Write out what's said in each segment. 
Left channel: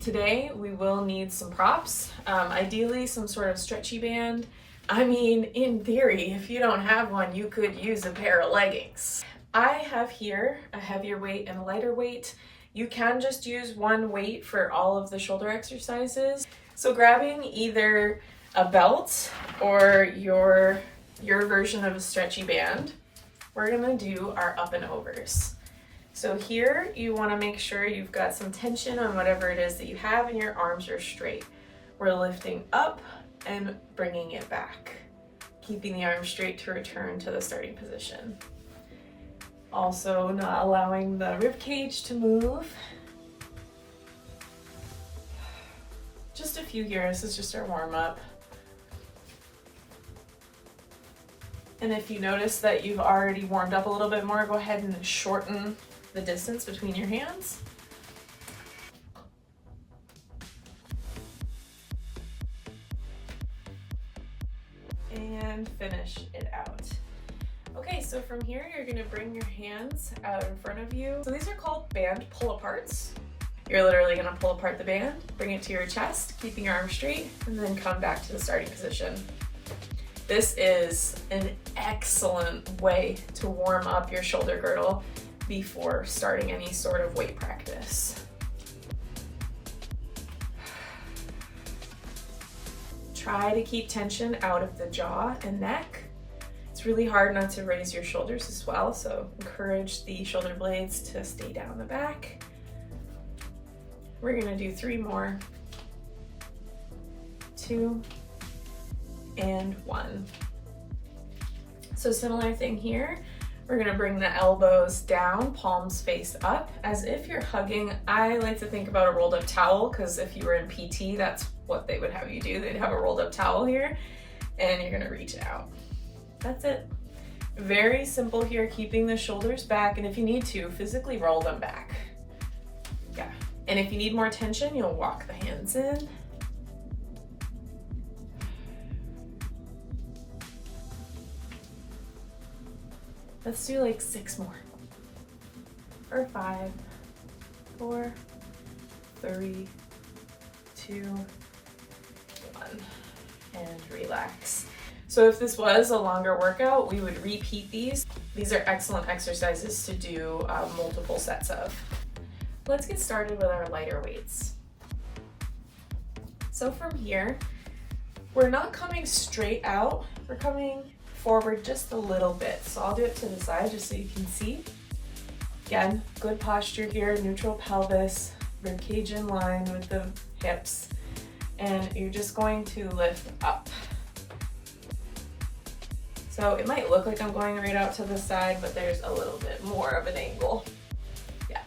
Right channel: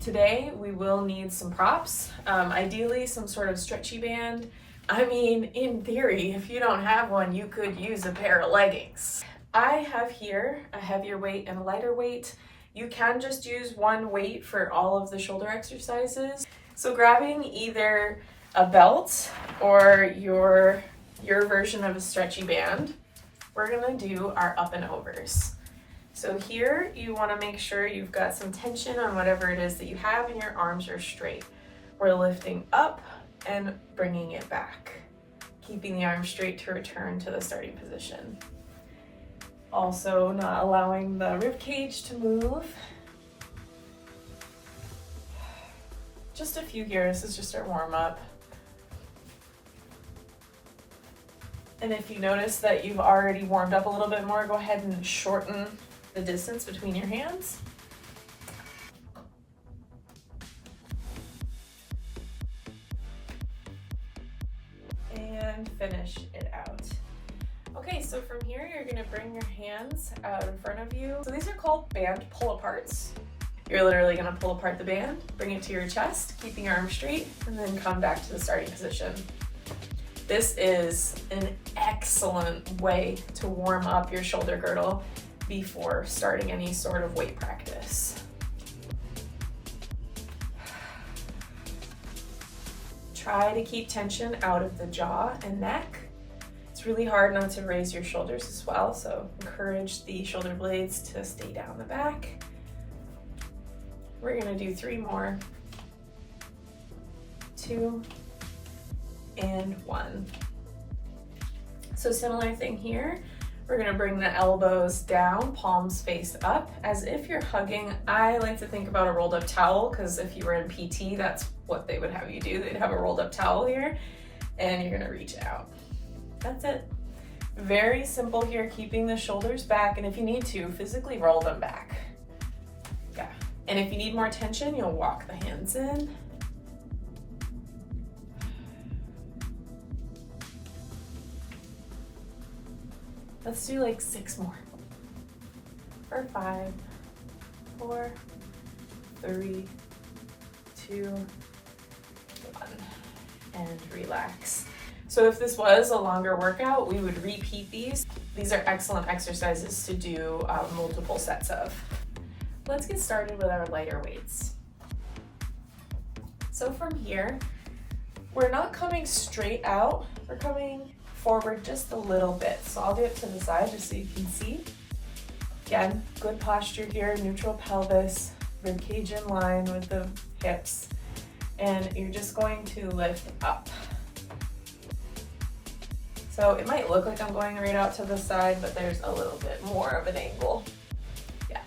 Today we will need some props, ideally some sort of stretchy band. I mean, in theory, if you don't have one, you could use a pair of leggings. I have here a heavier weight and a lighter weight. You can just use one weight for all of the shoulder exercises. So grabbing either a belt or your version of a stretchy band, we're gonna do our up and overs. So here you wanna make sure you've got some tension on whatever it is that you have and your arms are straight. We're lifting up and bringing it back, keeping the arms straight to return to the starting position. Also not allowing the rib cage to move. Just a few here, this is just our warm up. And if you notice that you've already warmed up a little bit more, go ahead and shorten the distance between your hands. And finish it out. Okay, so from here, you're gonna bring your hands out in front of you. So these are called band pull-aparts. You're literally gonna pull apart the band, bring it to your chest, keeping your arms straight, and then come back to the starting position. This is an excellent way to warm up your shoulder girdle before starting any sort of weight practice. Try to keep tension out of the jaw and neck. It's really hard not to raise your shoulders as well, so encourage the shoulder blades to stay down the back. We're gonna do 3 more. 2 and 1. So similar thing here. We're gonna bring the elbows down, palms face up, as if you're hugging. I like to think about a rolled up towel, because if you were in PT, that's what they would have you do. They'd have a rolled up towel here, and you're gonna reach out. That's it. Very simple here, keeping the shoulders back, and if you need to, physically roll them back. Yeah, and if you need more tension, you'll walk the hands in. Let's do like 6 more. Or 5, 4, 3, 2, 1, and relax. So if this was a longer workout, we would repeat these. These are excellent exercises to do multiple sets of. Let's get started with our lighter weights. So from here, we're not coming straight out, we're coming forward just a little bit. So I'll do it to the side just so you can see. Again, good posture here, neutral pelvis, rib cage in line with the hips, and you're just going to lift up. So it might look like I'm going right out to the side, but there's a little bit more of an angle. Yeah.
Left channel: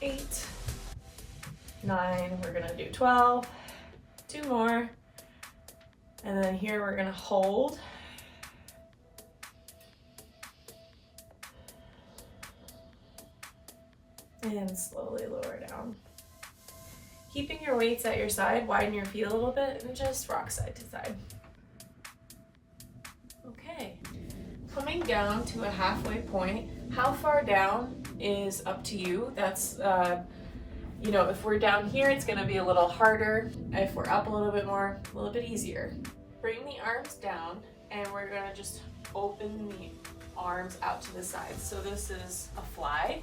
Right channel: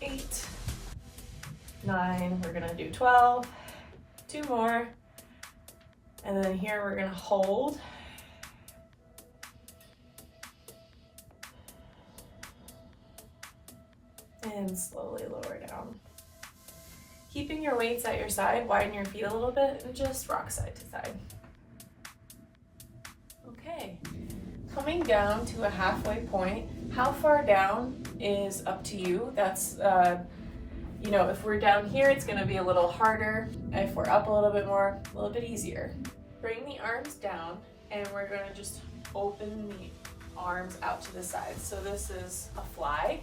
Eight, 9, we're gonna do 12, 2 more, and then here we're gonna hold. And slowly lower down. Keeping your weights at your side, widen your feet a little bit, and just rock side to side. Okay, coming down to a halfway point. How far down is up to you. That's, you know, if we're down here, it's gonna be a little harder. If we're up a little bit more, a little bit easier. Bring the arms down, and we're gonna just open the arms out to the side. So this is a fly.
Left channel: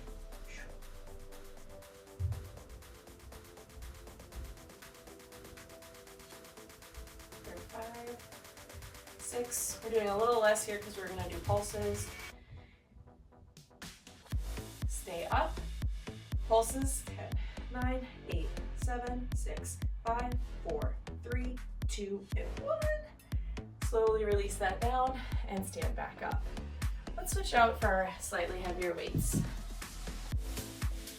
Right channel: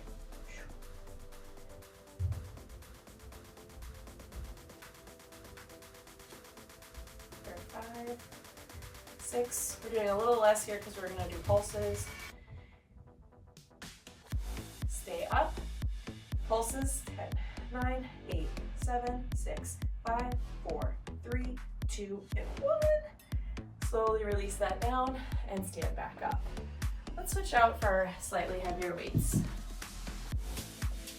5, 6. We're doing a little less here because we're going to do pulses. Stay up. Pulses. 10, 9, 8, 7, 6, 5, 4, 3, 2, and 1. Slowly release that down and stand back up. Let's switch out for slightly heavier weights.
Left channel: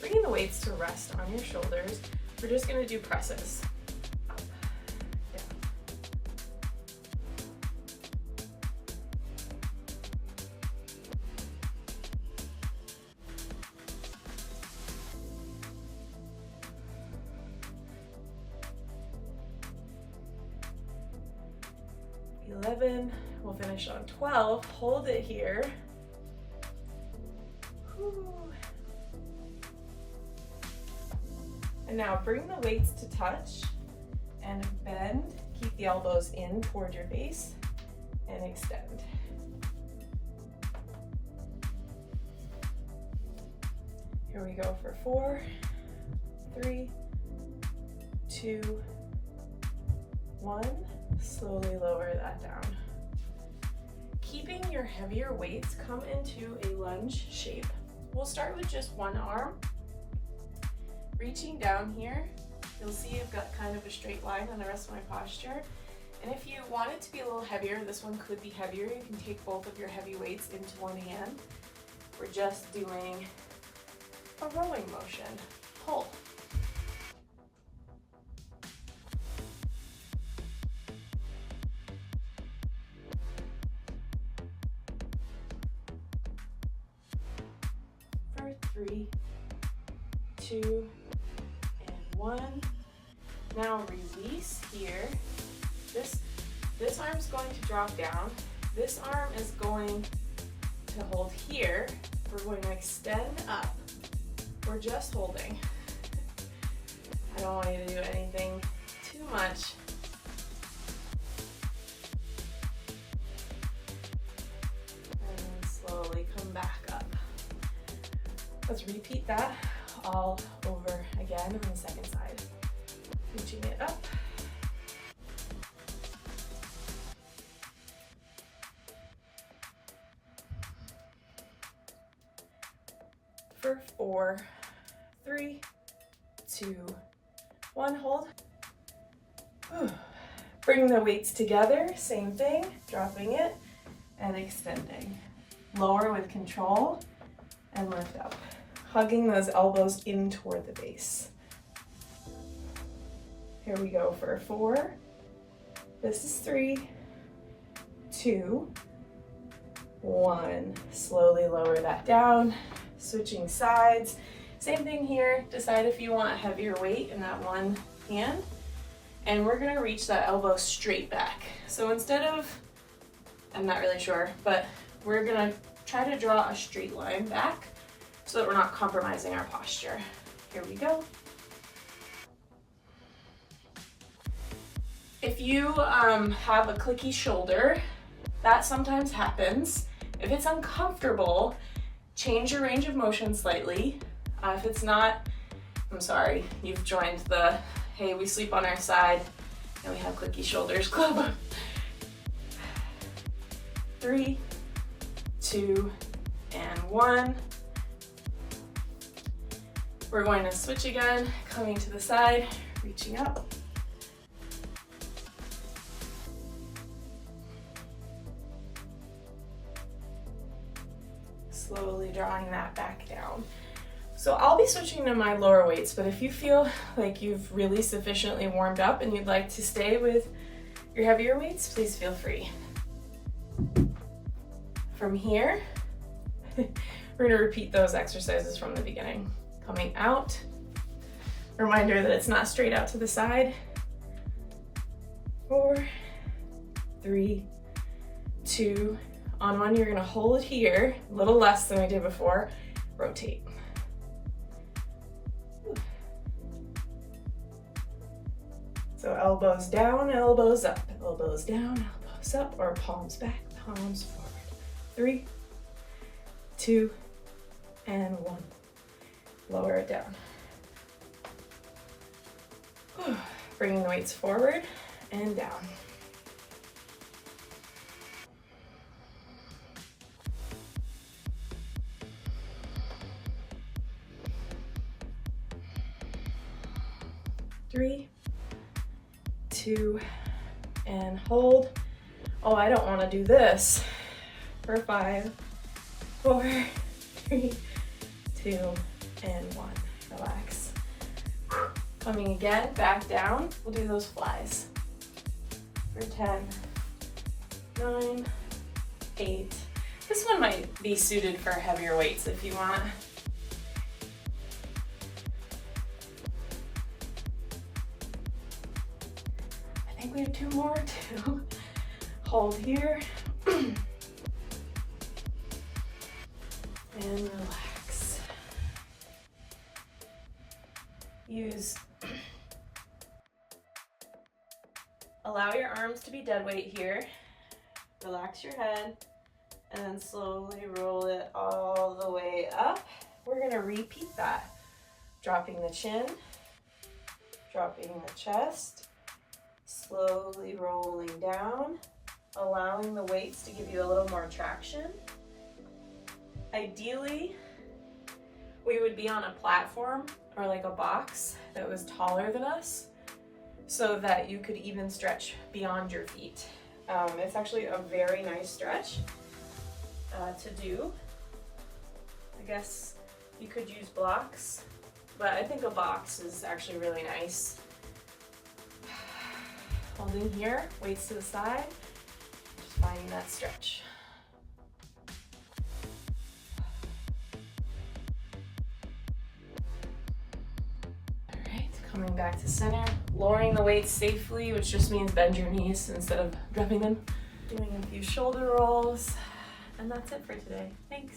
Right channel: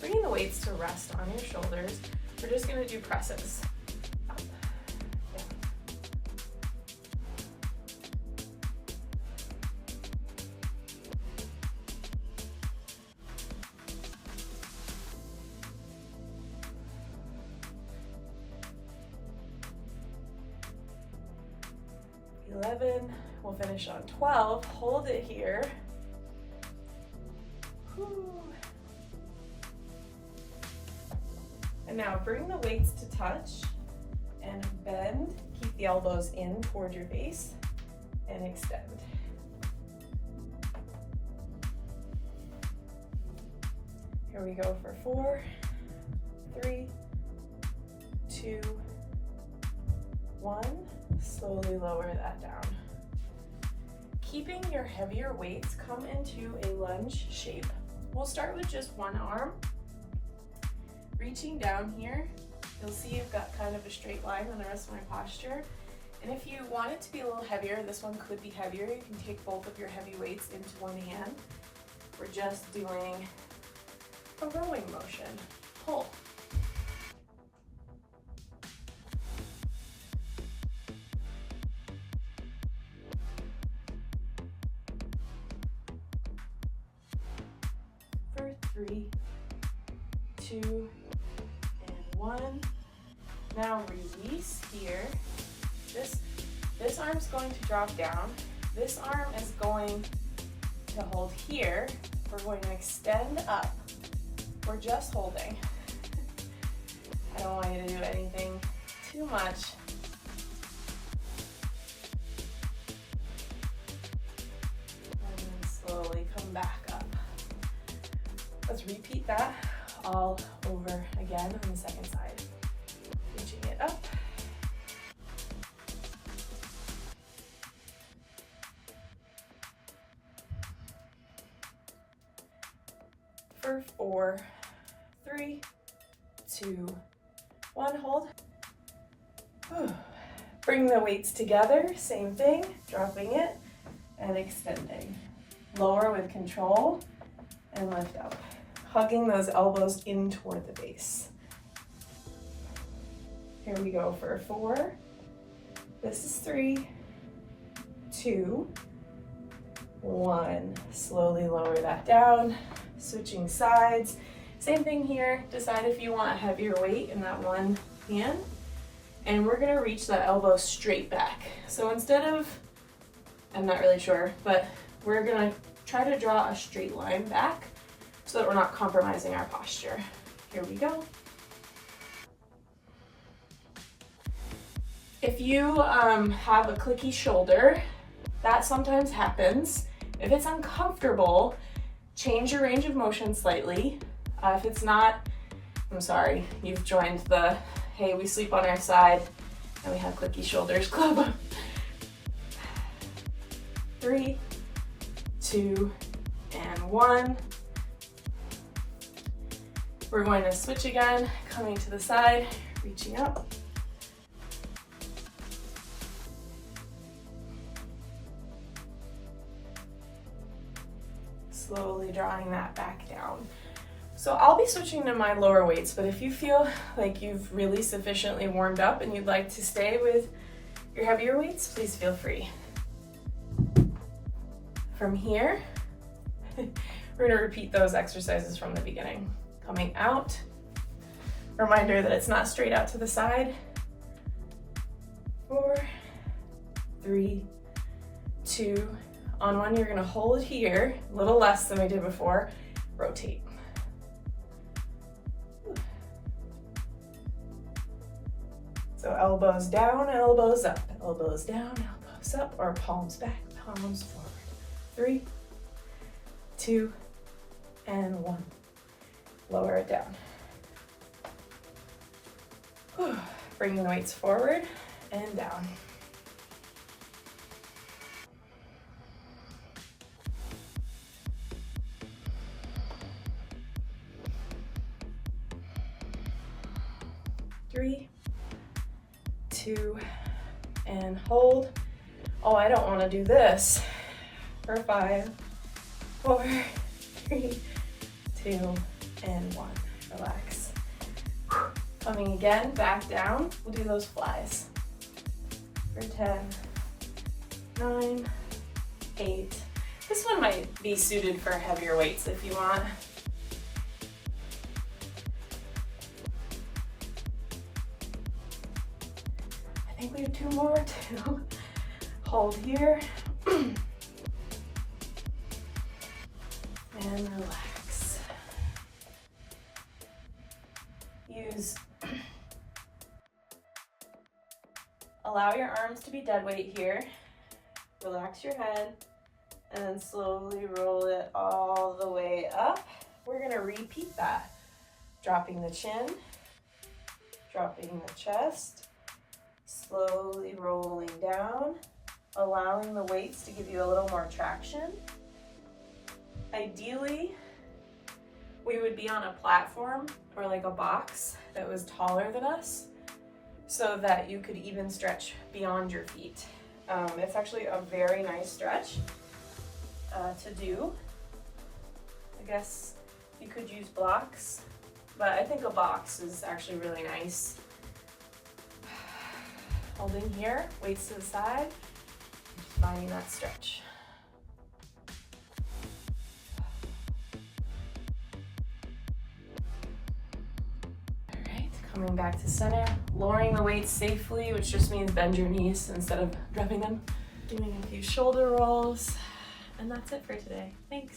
Bringing the weights to rest on your shoulders. We're just going to do presses. 11, we'll finish on 12, hold it here. Whew. And now bring the weights to touch and bend, keep the elbows in toward your face and extend. Here we go for 4, 3, 2, 1. Slowly lower that down. Keeping your heavier weights, come into a lunge shape. We'll start with just one arm. Reaching down here, you'll see you've got kind of a straight line on the rest of my posture. And if you want it to be a little heavier, this one could be heavier. You can take both of your heavy weights into one hand. We're just doing a rowing motion. Pull. For 3, 2, and 1. Now release here. This arm's going to drop down. This arm is going to hold here. We're going to extend up. We're just holding. I don't want you to do anything too much. And slowly come back up. Let's repeat that all over again on the second side. Reaching it up. For 4, 3, 2, 1, hold. Bring the weights together, same thing, dropping it and extending. Lower with control and lift up. Hugging those elbows in toward the base. Here we go for 4. This is 3, 2, 1. Slowly lower that down. Switching sides. Same thing here. Decide if you want a heavier weight in that one hand. And we're gonna reach that elbow straight back. So instead of, I'm not really sure, but we're gonna try to draw a straight line back so that we're not compromising our posture. Here we go. If you have a clicky shoulder, that sometimes happens. If it's uncomfortable, change your range of motion slightly. If it's not, I'm sorry, you've joined the, hey, we sleep on our side and we have clicky shoulders club. 3, 2, and 1. We're going to switch again, coming to the side, reaching up. Slowly drawing that back down. So I'll be switching to my lower weights, but if you feel like you've really sufficiently warmed up and you'd like to stay with your heavier weights, please feel free. From here, we're going to repeat those exercises from the beginning. Coming out, reminder that it's not straight out to the side. 4, 3, 2, on 1, you're gonna hold here, a little less than we did before, rotate. So elbows down, elbows up, elbows down, elbows up, or palms back, palms forward. 3, 2, and 1. Lower it down. Bringing the weights forward and down. Three, 2, and hold. Oh, I don't want to do this. For 5, 4, 3, 2, and 1. Relax. Coming again, back down. We'll do those flies. For 10, 9, 8. This one might be suited for heavier weights if you want. I think we have 2 more too. Hold here. And relax. Allow your arms to be dead weight here. Relax your head and then slowly roll it all the way up. We're gonna repeat that. Dropping the chin, dropping the chest, slowly rolling down, allowing the weights to give you a little more traction. Ideally, we would be on a platform or like a box that was taller than us so that you could even stretch beyond your feet. It's actually a very nice stretch to do. I guess you could use blocks, but I think a box is actually really nice. Holding here, weights to the side, just finding that stretch. Coming back to center, lowering the weights safely, which just means bend your knees instead of dropping them. Doing a few shoulder rolls, and that's it for today. Thanks.